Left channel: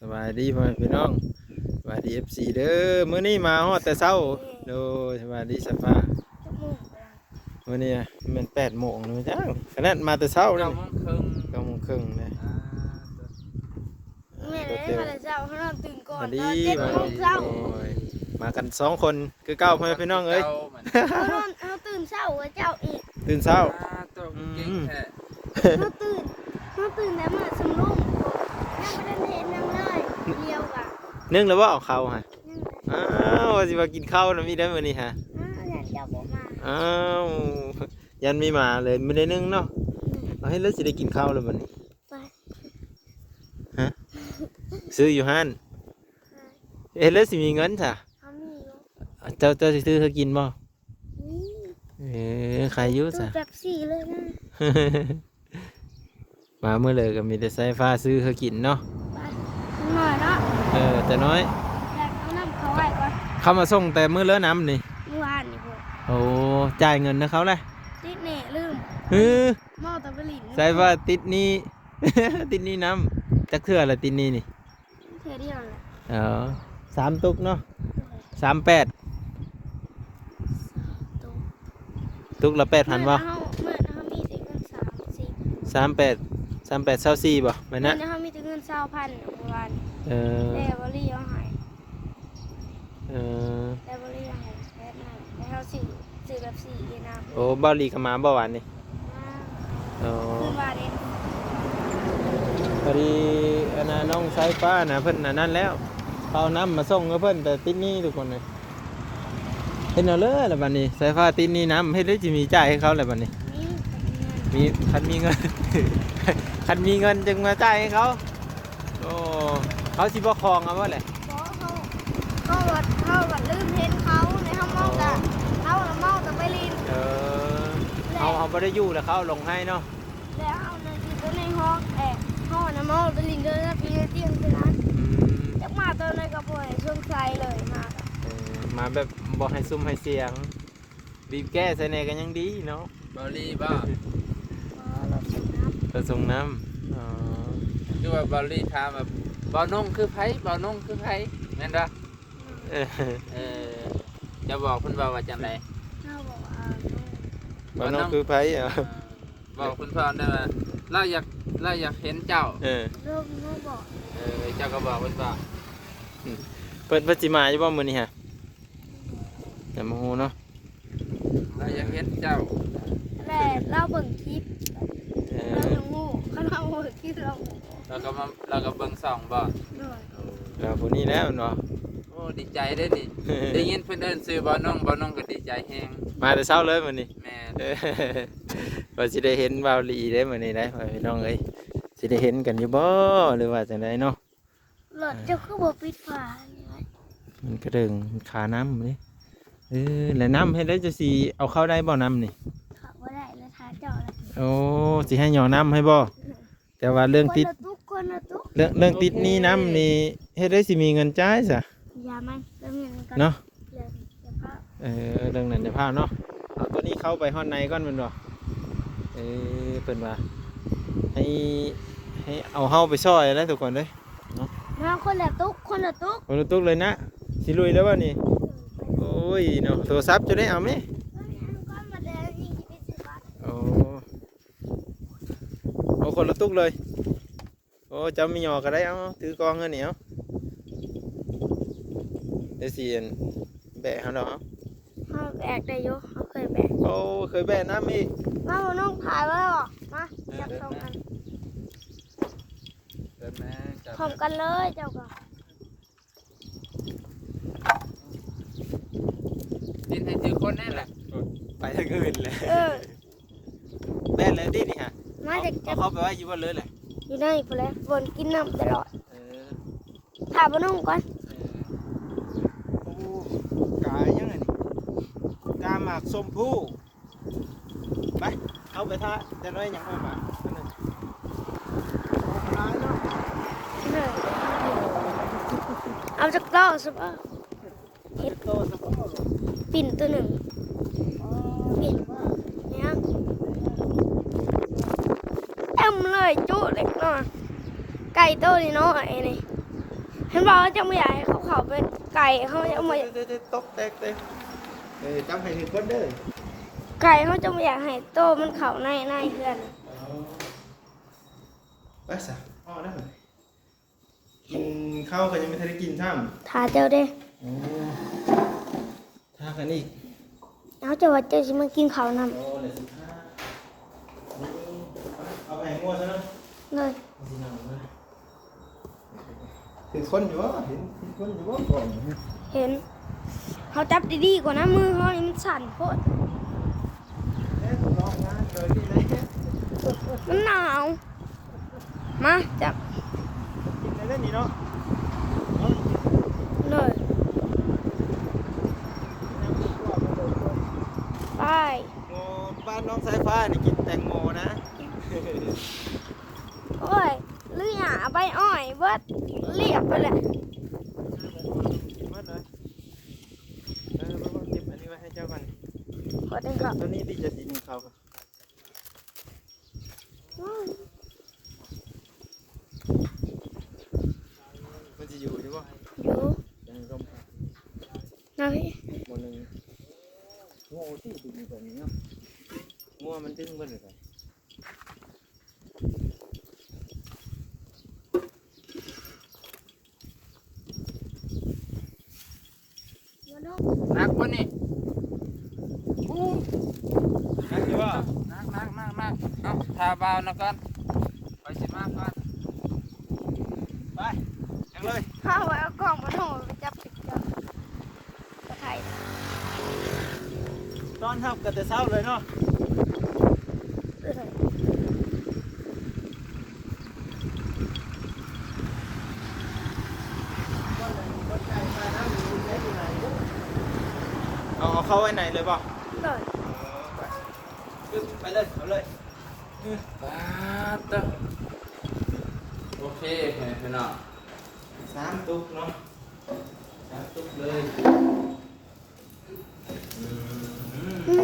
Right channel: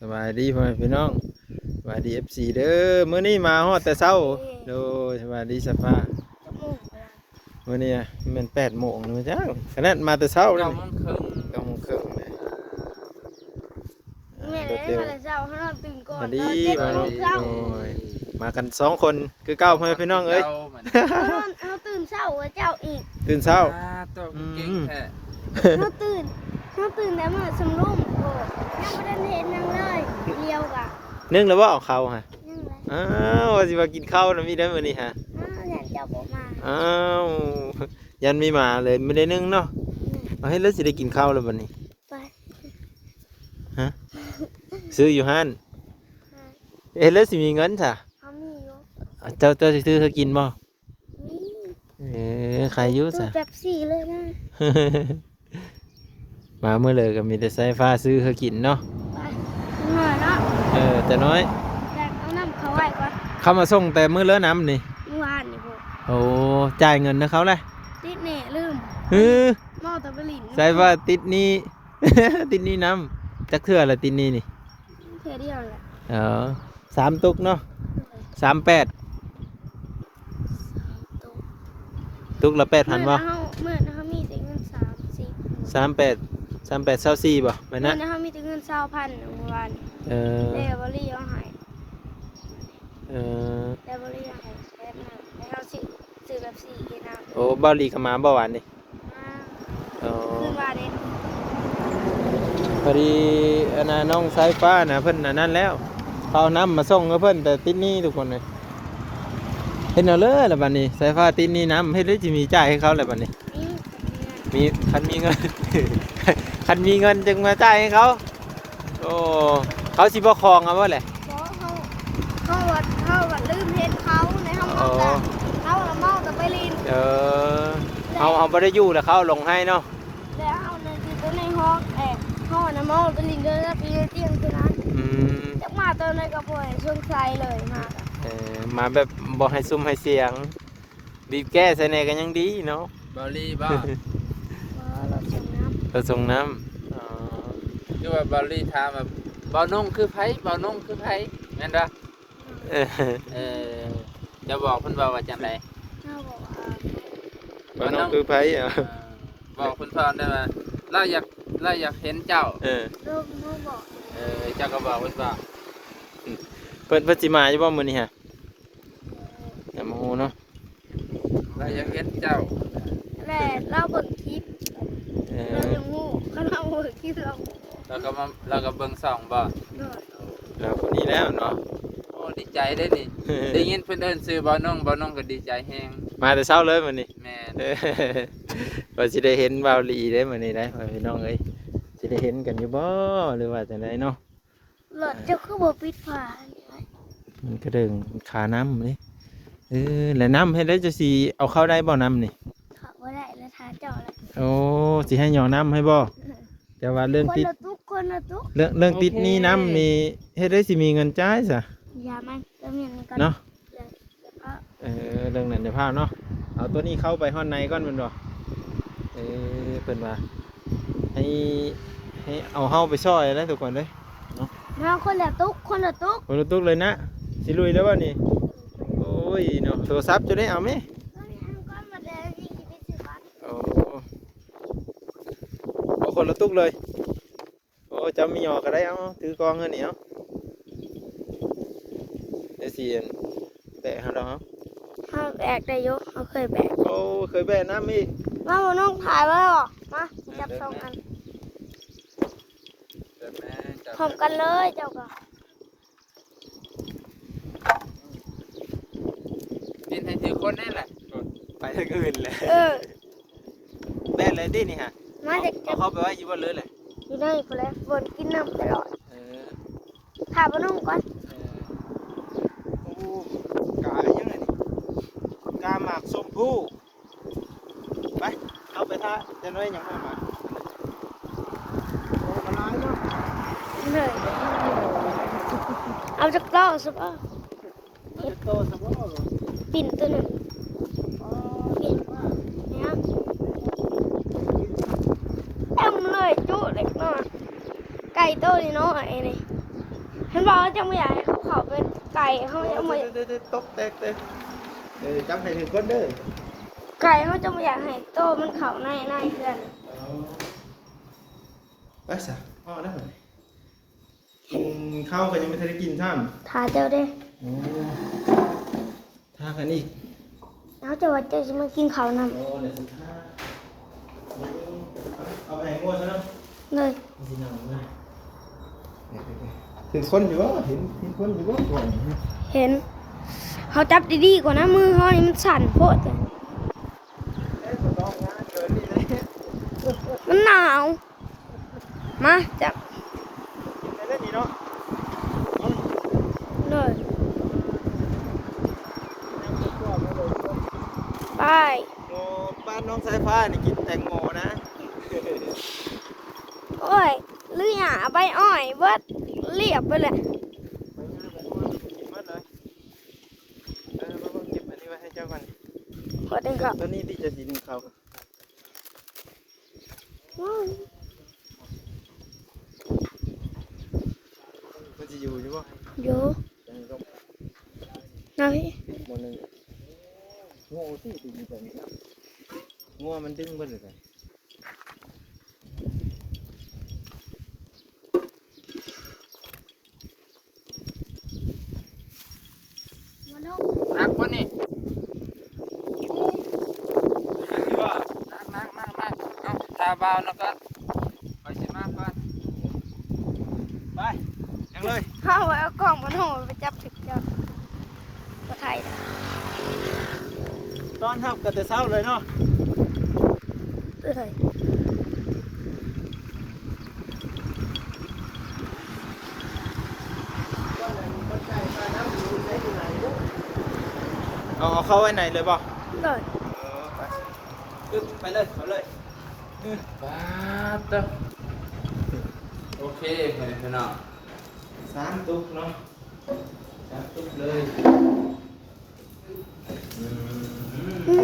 สบายดีพ่อแม่พี่น้องสบายดีFCเด้อมื้อนี้มาฮอดแต่เช้าโดยสบายดีสภามื้อนี้มัน8 โมงแล้วจ้าขนาดมาแต่เช้าเลย9 โมงครึ่งแม่ แม่เดี๋ยวเช้าให้เราตื่นก่อน สวัสดีมาลงโดยมากัน2 คนคือเก้าพ่อแม่พี่น้องเอ้ย เราตื่นเช้าเจ้าอีก ตื่นเช้า เราตื่นแล้วมาสำรุมโกยังไม่ได้เห็นยังเลยเลี้ยวกะ นึ่งแล้วบ่เอาข้าวฮะ ยังเลย อ้าวว่าสิมากินข้าวแล้วมีได้มื้อนี้ฮะ อยากจะบอกมา อ้าวยันมีมาเลยไม่ได้นึ่งเนาะเอาให้แล้วสิได้กินข้าวแล้วบัดนี้ ไป ฮะซื้ออยู่ห้านเอ๊ะแล้วสิมีเงินจ้ะ เขามีอยู่ เจ้าสิซื้อเธอกินบ่ นี่ ใครอยุ่ ตู้ จ้ะ แบบสี่เลยนะ มาเมื่อเลยก็มีแต่สายฟ้าซื้อเธอกินเนาะ ไปหน่อยเนาะ แต่น้อย อยากเอาน้ำเขาไว้ก่อน เข้ามาส่งแต่มื้อเลิกน้ำนี่ เมื่อวานนี่พวก โอ้จ่ายเงินนะเขาเลย ติดเน่ลืม ฮือ หม้อตะบลิน สายฟ้าติดหนี้ ติดหนี้น้ำจักเทื่อละติดหนี้นี่ เท่าเดียวแหละ 3 ตุกเนาะ38 ตู้ ตุกละ8,000บ่ เมื่อเขามีแต่เงิน38 24บ่ไป เมื่ นะ อเขามีแต่เงิน20,000เมื่อวาน เออ แต่บริเอาให้ เออ แต่บริเอาให้แบบนั้นแล้วเขาซื้อแบบสี่เยนาม โอ้เบาหลีก็มาบ่หวานนี่ นะ อ๋อ ขึ้นว่าเนี่ย พอดีอันน่ะน้องสายฟ้าน่ะเพิ่นน่ะนั่นแล้วเขาเอาน้ำมาส่งให้เพิ่นแต่ติดหนี้ทุกคนเลยเห็นเอาเลยแล้วบัดนี้สายฟ้าติดหนี้น้ำเฮ็ดได้สิมีจ่ายให้เขาแล้วบัดนี้ นี่กับเงินมีคันมีเงิน คันมีเงินจึงมาจ่ายให้เขาโอ้เขาสิบ่ครองเอาบ่แหละ เพราะเขาลืมเห็นเขาในห้องมองแต่เขาละมองแต่ไปลิน เอาบ่ได้อยู่แล้วเขาเอาลงให้เนาะ แล้วเอาในที่ตัวในห้องห้องนะมองไปลินเดินแล้วไปเตียงตัวนั้น อืม จากมาตัวในกระป๋องเครื่องใช้เลยมากอะ มาแบบบ่ให้ซุ่มให้เสียงบีบแก้ใส่แหน่ก็ยังดีเนาะ บอลลี่บ้า เราส่งน้ เราส่งน้ำอ๋อ คือว่าบอลลี่ถามแบบบอลนงคือไผบอลนงคือไผแม่นเด้อ เออ เออจะบอกเพิ่นว่าจังได๋ ำเขาบอกว่า บ้านน้องคือไผอ่ะ บอกเพิ่นพรได้ว่าเราอยากเห็นเจ้า ลูกบอก เจ้าก็บอกเพิ่นว่า เพิ่นสิมาอยู่บ่มื้อนี้ฮะอย่าโมโหเนาะ เราอยากเห็นเจ้า แม่เราเบิ่งคลิป เอ เรา อ เบิ่งงูเขาเราเบิ่งคลิปเรา เราก็เบิ่งส่องบ่ โดด แล้วคนนี้แล้วเนาะ โอ้ดีใจได้ดิได้ยินเพิ่นเอิ้นชื่อบอลนงก็ดีใจแฮง มาแต่เช้าเลยมื้อนี้ แม่น เออว่าสิได้เห็นบ่าวหลีได้มื้อนี้ได้พี่น้องเอ้ยสิได้เห็นกันอยู่บ่หรือว่าจังไดเนาะ หลอดเจ้าคือบ่ปิดฝาเนี่ย มันก็เดิงขาน้ำนี่แล้วน้ำให้ได้จะสิเอาเข้าได้บ่น้ำนี่ เขาบ่ได้แล้วทาเจ้าเลย โอ้สิให้หยอน้ำให้บ่แต่ว่าเรื่อง คน ติด ละตุ๊กคนละตุ๊ก เรื่องติดหนี้น้ำนี่เฮ็ดได้สิมีเงินจ่ายซะ อย่ามันก็มีกัน เนาะ อย่าพา เรื่องนั้นเดี๋ยวพาเนาะเอาตัวนี้เข้าไปห้องในก่อนมันบ่เป็นว่าให้เอาเฮาไปซ่อยนะทุกคนเด้ย มาคนละตุ๊กคนละตุ๊ก คนละตุกเลยนะสิลุยแล้วบ่นี่โอ้ยเนาะโทรศัพท์จะได้เอาไหม ก้อนมาเดินนี่ได้สิบบาท เอาคนละตุกเลยโอ้เจ้ามีหยอก็ได้เอาถือกองเงินเหนียวได้สิแบะเขาเนาะ เขาแบกได้ยกเขาเคยแบก เขาเคยแบะน้ำอีก มาบนน้องถ่ายไว้หรอมาจับสองอัน เด้อแม่จับ พร้อมกันเลยเจ้าก็ ดินให้ถือคนนั่นแหละ ไปทางอื่นเลย แบะเลยดินี่ฮะ มาจากจับ เขาไปไว้อยู่บนเรือเลย อยู่นี่พอแล้วบนกินน้ำตลอดถ่ายบนน้องก่อน โอ้กายังไงนี่กาหมากส้มผู้ไปเข้าไปท่าจะน้อยยังไม่มาโอ้ขนาดเนาะ เหนื่อยเอาจากโต๊ะสิบ่ เฮ็ดโตสมบูรณ์ ปิ่นตัวหนึ่งปิ่นนะครับเต็มเลยจุเล็กน้อยไก่โตนี่น้อยนี่ เห็นบอกว่าจะไม่อยากให้เขาเป็นไก่เขาจะไม่ ตกเตะจำให้หนึ่งคนเด้อ ไก่เขาจะไม่อยากให้โตมันเขาในเพื่อน ไปสิอ๋อได้กินข้าวก็ยังไม่ทันได้กินท่าม ทาเจ้าเด้ โอ้ท่ากันอีก แล้วจะว่าเจ้าจะมากินเขาวนำ โอ้เนี่ยสิท่าเอาไปให้งวดซะเนาะ เลย เห็นคนอยู่วะเห็นคนอยู่วะก่อน เห็นเขาจับดีๆกว่านะมือเขานี่มันสั่นโพดเลย เอ๊ะลองงานเกินนี่เลย มันหนาว มาจับ เล่นนี่เนาะ เลย ยังไม่กลัวมาเลย ไป โอ้บ้านน้องสายฟ้านี่กินแตงโมนะ โอ้ยลือหยาใบอ้อยเบิดเรียบไปเลย มาเลยเพิ่งเก็บอันนี้ไว้ให้เจ้าก่อน กดเองครับ ตัวนี้ที่จะสีหนึ่งเขาครับมันจะอยู่ใช่ปะ อยู่ ยังร่ม นะพี่ โมนึงงูที่ตีแบบนี้เนาะงูมันดึงเบิ้ลเลย นักวะนี่ ที่ว่า นักเอาทาเบานะกันไปสิมาก่อน ไปยังเลย เข้าไว้เอากล่องมาโถไปจับผิดจับกระไทย ตอนทับกันแต่เช้าเลยเนาะ เอ้ย เอาเข้าไว้ไหนเลยบ่ เลย ไปเลยเอาเลย โอเคพี่น้อง 3 ตุ๊กเนาะ3 ตุ๊กเลย อื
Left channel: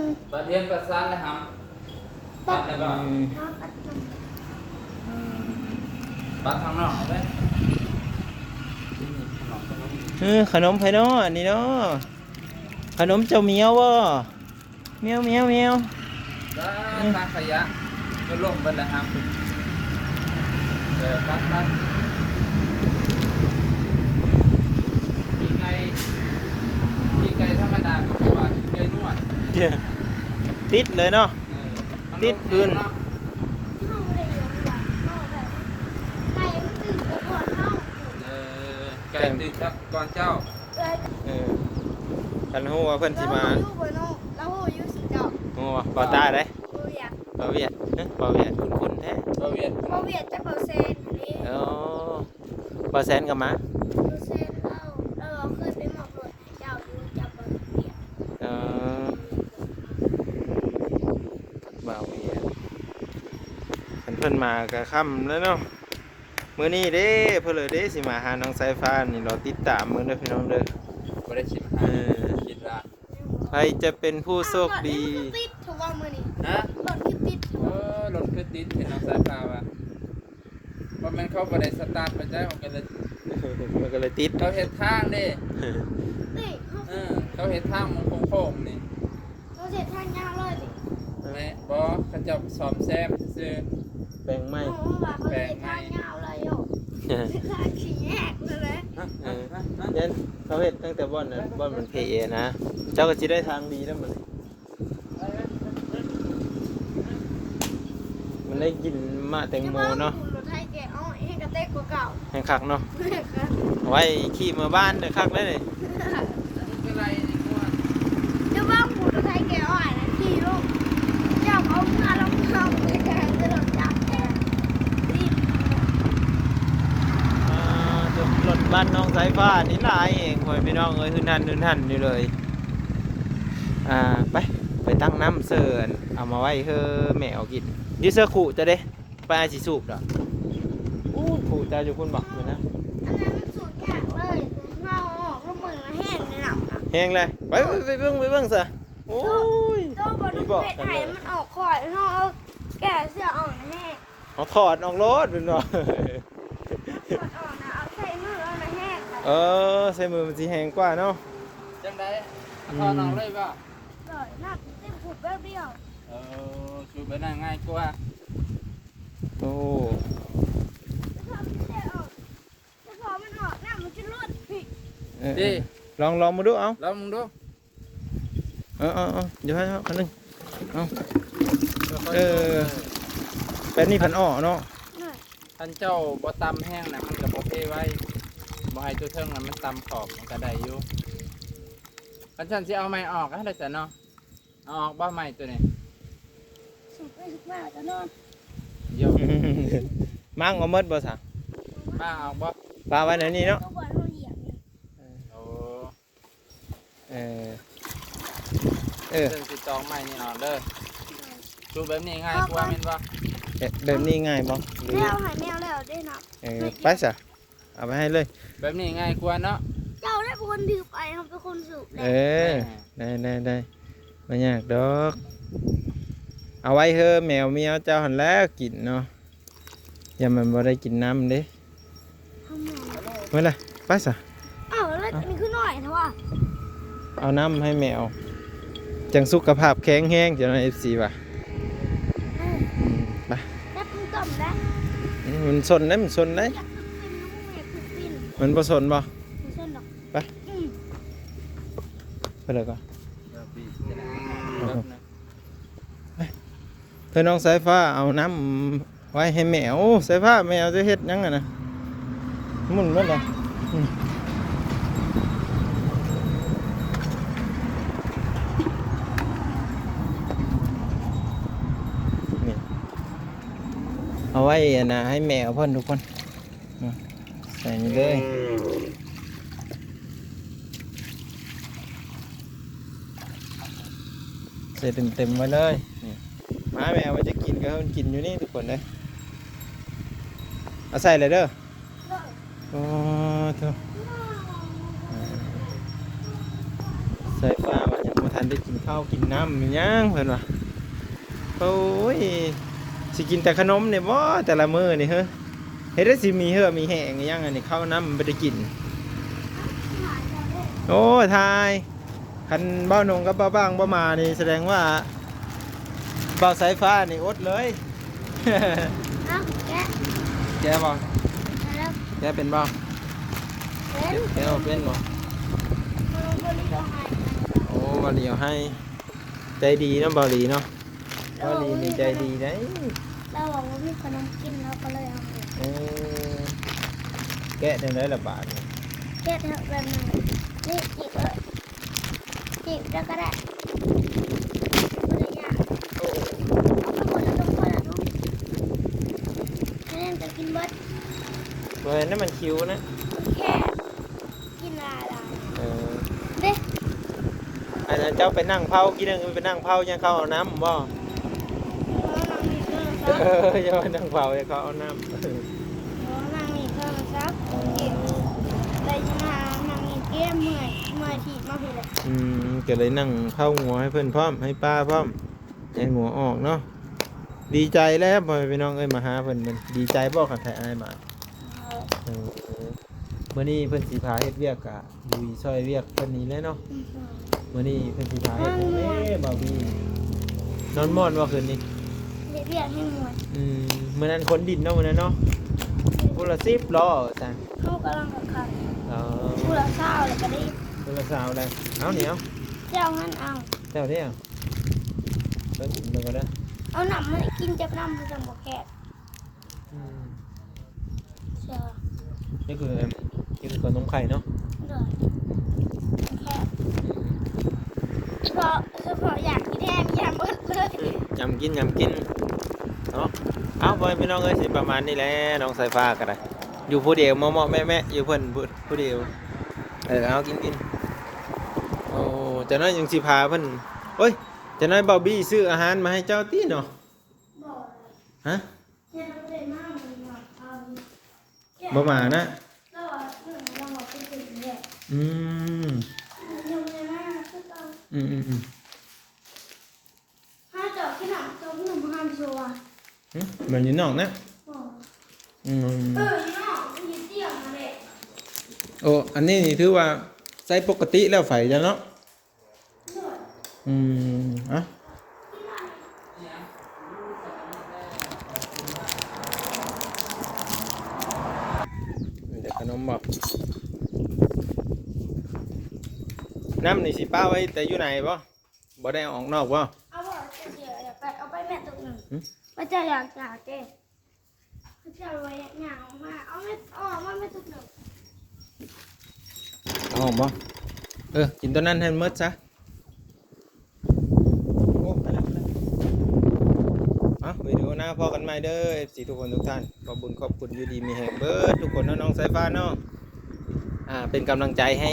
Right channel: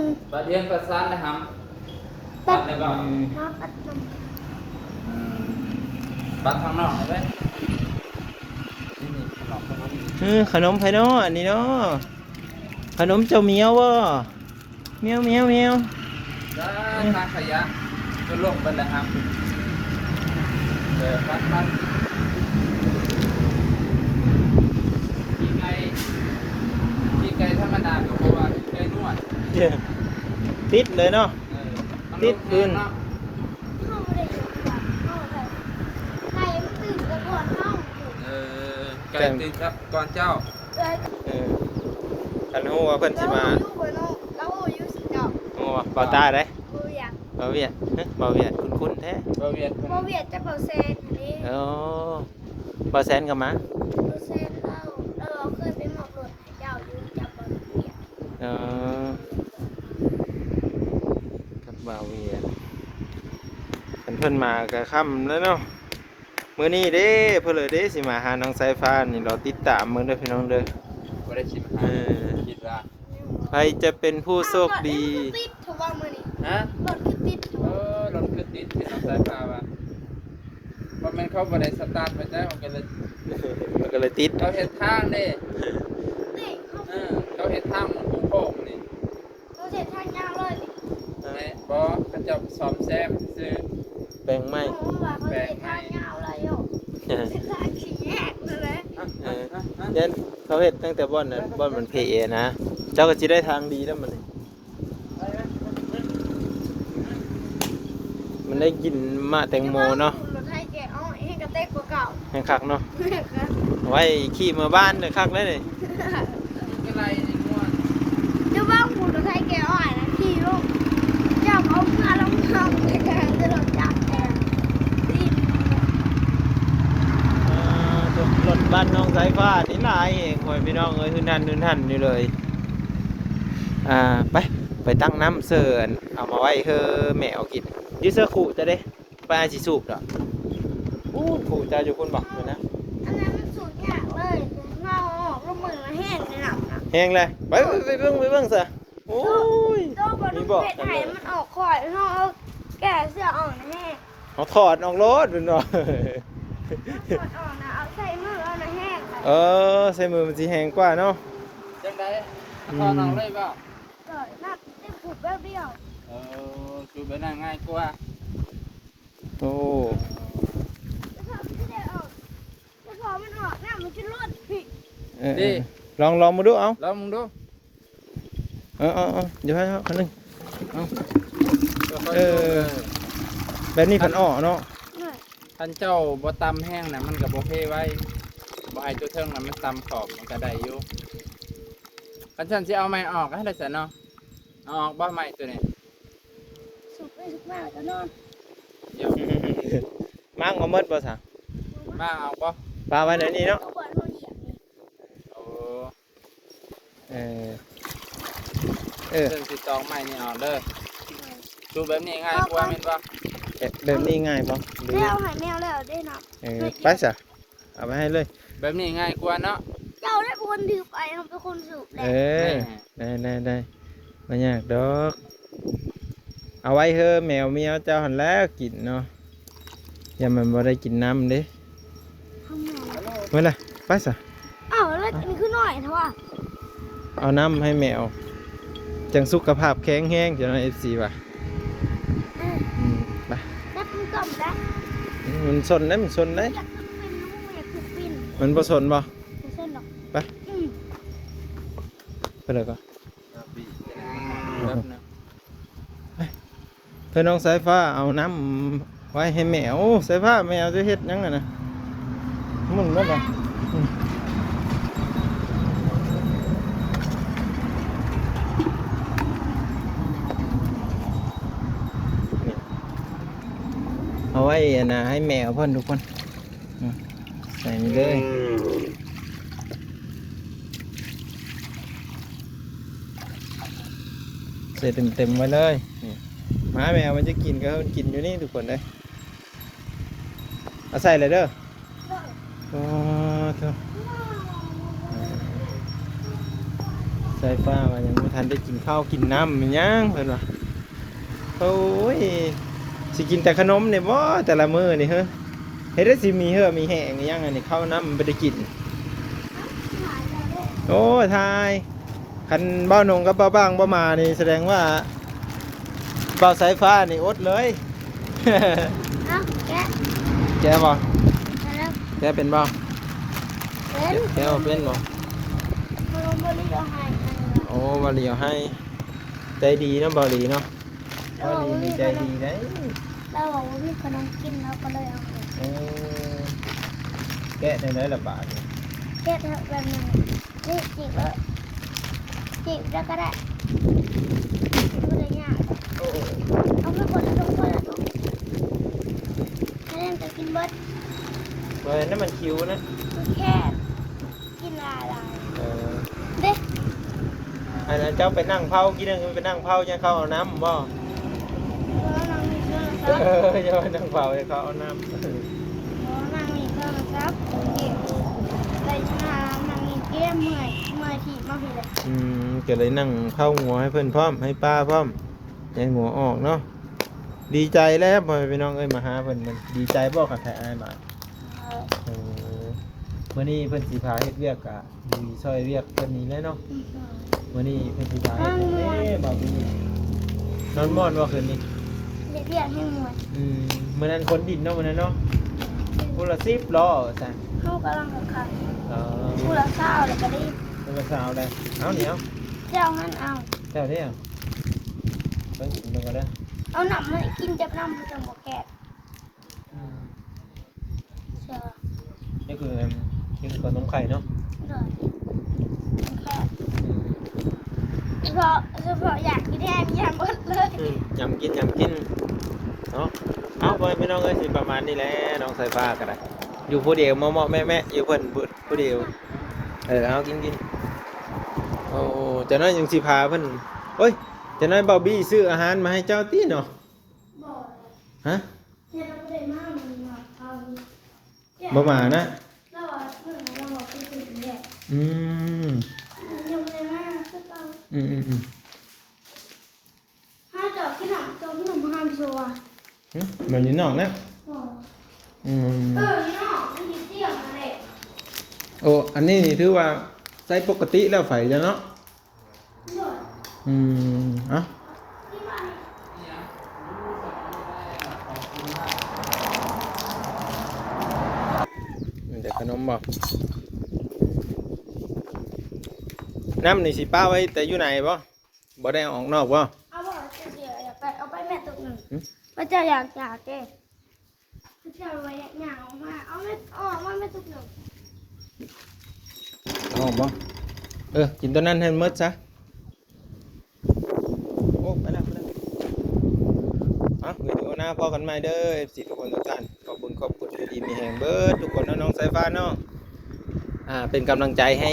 ม ประเทียนประสานนะครับตัดแล้วก็ตัดข้างนอกเอาไว้นี่ข้างนอกข้างนอก ขนมไผ่เนาะอันนี้เนาะขนมเจ้าเมียวบ่เมียว ได้ทางขยะจะลงไปแล้วครับเดี๋ยวตัดมีไก่ธรรมดาก็ว่าเกลือนวด ติดเลยเนาะ ติดดิน เข้าไม่ได้อยู่ดีกว่าเข้าไปไก่มันตื่นกระโดดเข้า ไก่ติดครับก่อนเจ้า เลย คันฮู้ว่าเพิ่นสิมา อยู่บนโน้แล้วอยู่สิเจ้า ฮู้ว่าบ่ตาได้ บ่อยาก บ่เวียดบ่เวียดคุ้นๆแท้ เราเวียด บ่เวียดจะเปอร์เซ็นต์นี่ อ๋อบ่แสนก็มา เปอร์เซ็นต์เราเคยไปหมอบรถให้เจ้าอยู่จับบ่เวียด อ๋อกับบ่าวเวียดคันเพิ่นมาก็ค่ำแล้วเนาะมื้อนี้เด้เพิ่นเลยเด้สิมาหาน้องสายฟ้านี่รอติดตามมื้อเด้อพี่น้องเด้อ ไม่ได้ชิมคิดละ ใครจะเป็นผู้โชคดี รถคือติดถูกว่ามื้อนี้ ฮะ รถคือติดถูก รถคือติดที่น้องสายพาว่าเพราะมันเข้าไปในสตาร์ทไปได้มันก็เลย มันก็เลยติด เราเห็นทางนี่ นี่เขา เราเห็นทางโค้งนี่ เราเสร็จทางยาวเลยนี่ แม่บอเขาจะสอมแซมซื้อ แบ่งไหม เขาว่าเขาเสร็จทางยาวเลยโยเสร็จทางขี่แยกเลยนะ เด่นเขาเห็นตั้งแต่บ่อนนะบ่อนมันเพเอนะ เจ้าก็จะได้ทางดีแล้วมันได้กินมะแตงโมเนาะ รถไทยแกอ้อยให้กระเตกกว่าเก่า ให้คักเนาะเอาไว้ขี่มาบ้านเด้อคักได้เลย จะบ้างรถไทยแกอ้อยนะขี่ลูกจับเอามาลงทางในแกงจะโดนจับแกดี รถบ้านน้องสายฟ้านี่หลายเองคอยพี่น้องเอ้ยหืนหันอยู่เลยไปตั้งน้ำเสิร์นเอามาไว้เฮ้อแมวกินยืดเสื้อขู่จะได้ไปอาชีสูบเหรออู้ขู่จะอยู่คนบอกเลยนะ อันนั้นมันสูงยากเลยเงาออกก็มือแห้งในหนังอ่ะ แห้งเลยไปเบิ่งซะโอ้ย ตัวบน มี เพ บอก ชร กัน ไท เลย ย มันออกข่อยเขาเอาแก่เสื้ออ่อนนะแม่ เขาถอดออกรถเป็นบ่ ถอดออกนะเอาใส่มือ ใส่มือมันสิแห้งกว่าเนาะ จังไดพอน้องเลยป่ะ เลยนับเต็มผูกแบบเดียว ชูไปนั่งง่ายกว่า โอ้ จะพอมันจะได้ออกจะพอมันออกน้ำมันจะลดผิด ลองมาดูเอา แล้วมึงดู เดี๋ยวให้เขาคันหนึงแบบนี้ผันอ้อเนาะ หน่อย ท่านเจ้าบ่ตำแห้งนะมันกับบ่เพ่ไว้บ่ให้ตัวเทิงมันตำขอบมันก็ได้อยู่คันฉันสิเอาไม้ออกให้ได้ซะเนาะเอาออกบ่ไม้ตัวนี้ สุกไปสุกมาจะนอน เดี๋ยว มั่งเอาหมดบ่สั่ง มาเอาบ่ ปลาไว้ในนี้เนาะ เขาบอกเขาเหยียบนี่ โอ้ เ เรื่องสิจองไม้นี่เอาเด้อดูแบบนี้ง่ายกว่าเห็นบ่ แบบนี้ง่ายบ่ดู แมวหายแมวแล้วได้เนาะ ไปซะเอาไปให้เลย แบบนี้ง่ายกว่าเนาะ เจ้าได้เป็นคนถือไปเขาเป็นคนสูบแหละ ได้ไม่ยากดอกเอาไว้เถอะแมวเมียวเจ้าหันแล้วกินเนาะอย่ามันบ่ได้กินน้ำเด้ ข้างใน เมื่อไรไปซะ อ้าวแล้วอันนี้คือหน่อยเถอะวะ เอาน้ำให้แมวจังสุขภาพแข็งแรงจะในFCป่ะไป แล้วมึงจำได้ มันสนได้มันสนได้ อยากเป็นน้องอยากเป็น มันบ่สนบ่ ไม่เส้นหรอก ไปไปเลยก็เธอน้องสายฟ้าเอาน้ำไว้ให้แมวสายฟ้าแมวจะเฮ็ดยังไงนะมึนมันอ่ะนี่เอาไว้นะให้แมวเพิ่นทุกคนใส่นี่เลยใส่เต็มๆไว้เลยนี่หมาแมวมันจะกินก็มันกินอยู่นี่ทุกคนเลยเอาใส่เลยเด้อโอ้เถอะใส่ข้าวยังไม่ทันได้กินข้าวกินน้ำมันยังเพิ่นว่าโอ้ยสิกินแต่ขนมเนี่ยบ่แต่ละมื้อนี่เฮ้ยเฮ็ดได้สิมีเหือมีแห้งยังไงนี่ข้าวน้ำมันไม่ได้กินโอ้ยทายคันเบ้านงกับเบ้าบ้างบ่มานี่แสดงว่าเบ้าสายฟ้านี่อดเลย เอ้าแกะ แกบ่ แล้ว แกเป็นบ่ เป็น แกบ่เป็นบ่ เขาบริจาคให้กัน โอ้บาลีเอาให้ใจดีเนาะบาลีเนาะบาลีนี่ใจดีได้ เราบอกว่ามีขนมกินเราก็เลยเอาให้ เอ้ยแกะจังได๋ล่ะบาดนี่ แกะเถอะแบบนี้นี่จีบเลยจีบแล้วก็ได้ไม่ได้ยากเอาไปคนละตัวละตัวให้มันจะกินเบิด ตัวนั้นมันคิวนะ แค่กินอะไร เออ เด็ก อันนั้นเจ้าไปนั่งเผากินนึงไปนั่งเผายังเข้าเอาน้ำบ่ แล้วมันมีเครื่องซัก จะไปนั่งเผายังเข้าเอาน้ำ มันมีเครื่องซักไปมามันมีเกมเมื่อยทีมาเห็นเลย ก็เลยนั่งเข้าหัวให้เพื่อนพร้อมให้ป้าพร้อมใจหัวออกเนาะดีใจแล้วพ่อพี่น้องเอ้ยมาหาเพื่อนมันดีใจบ่กับใครอายมาเมื่อนี้เพื่อนสีพาเฮ็ดเวียกกะดีช่วยเวียกเพื่อนนี้เลยเนาะเมื่อนี้เพื่อนสีพาเฮ็ดแม่บ่าวพี่นอนม่วนว่าคืนนี้ เรียกไม่หมด เมื่อนั้นคนดินเนาะเมื่อนั้นเนาะคนละ10ล้อจ้ะ เข้ากำลังกับขับ เออ ผู้ละเศร้าแล้วก็ได้ คนละสาวเลยเอาเหนียว เจ้างั้นเอา เจ้าเที่ยวเพิ่นดูกันนะ เอาหนำมากินจับน้ำคือจะหมกแกะเชื่อ นี่คือขนมไข่เนาะ เด้อแค่เฉพาะอยากกินแทนอยากเบิดเลย ยำกินเนาะเอาไปพี่น้องเอ้ยสิประมาณนี้แหละน้องสายฟ้าก็ได้อยู่ผู้เดียวเหมาะๆแม่ๆอยู่เพิ่นผู้เดียวเอากินโอ้จะน้อยยังสิพาเพิ่นเฮ้ยจะน้อยเบาบี้ซื้ออาหารมาให้เจ้าตี้เนาะ บอก ฮะ เจ้าไม่ได้มามันมาทำ บ่มานะ แล้วว่าเราบอกเป็นสิ่งเดียว อืม ยังไม่ได้มาคือเรา ถ้าเกิดขนาดตัวขนมห้ามชัว เหมือนอยู่นอกนะอืม นี่เนาะมันยืดเดี่ยวเลย โอ้อันนี้นี่ถือว่าใช้ปกติแล้วไฟจ้ะเนาะอ่ะมีแต่ขนมบ่น้ำนี่สิป้าไว้แต่อยู่ไหนบ่ได้เอาออกนอกบ่ เอาบ่เดี๋ยวอยากไปเอาไปแม่ตุกหนึ่งพระเจ้าอยากเจ้พระเจ้าไว้อยากออกมาเอาไม่ออกมาไม่ตุกหนึ่ง เอาบ่กินตัวนั้นให้หมดซะโอ้ไปแล้ววิดีโอหน้าพอกันใหม่เด้อ FC ทุกคนทุกท่านขอบคุณอยู่ดีมีแห่งเบิดทุกคนน้องๆสายฟ้าเนาะเป็นกำลังใจให้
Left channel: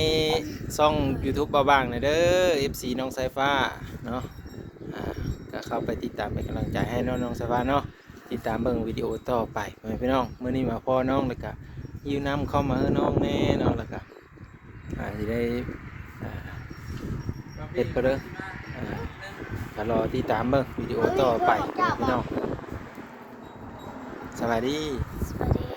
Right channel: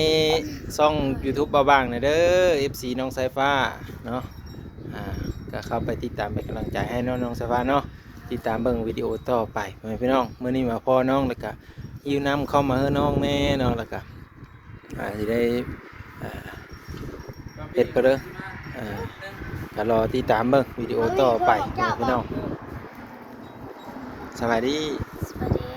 ช่อง YouTube เบาบางหน่อยเด้อ FC น้องสายฟ้าเนาะก็เข้าไปติดตามเป็นกำลังใจให้น้องๆสายฟ้าเนาะติดตามเบิ่งวิดีโอต่อไปพี่น้องมื้อนี้มาพ่อน้องแล้วก็ยืมน้ำเข้ามาให้น้องแน่เนาะแล้วก็สิได้เฮ็ดไปเด้อก็รอติดตามเบิ่งวิดีโอต่อไปพี่น้องสวัสดี สวัสดี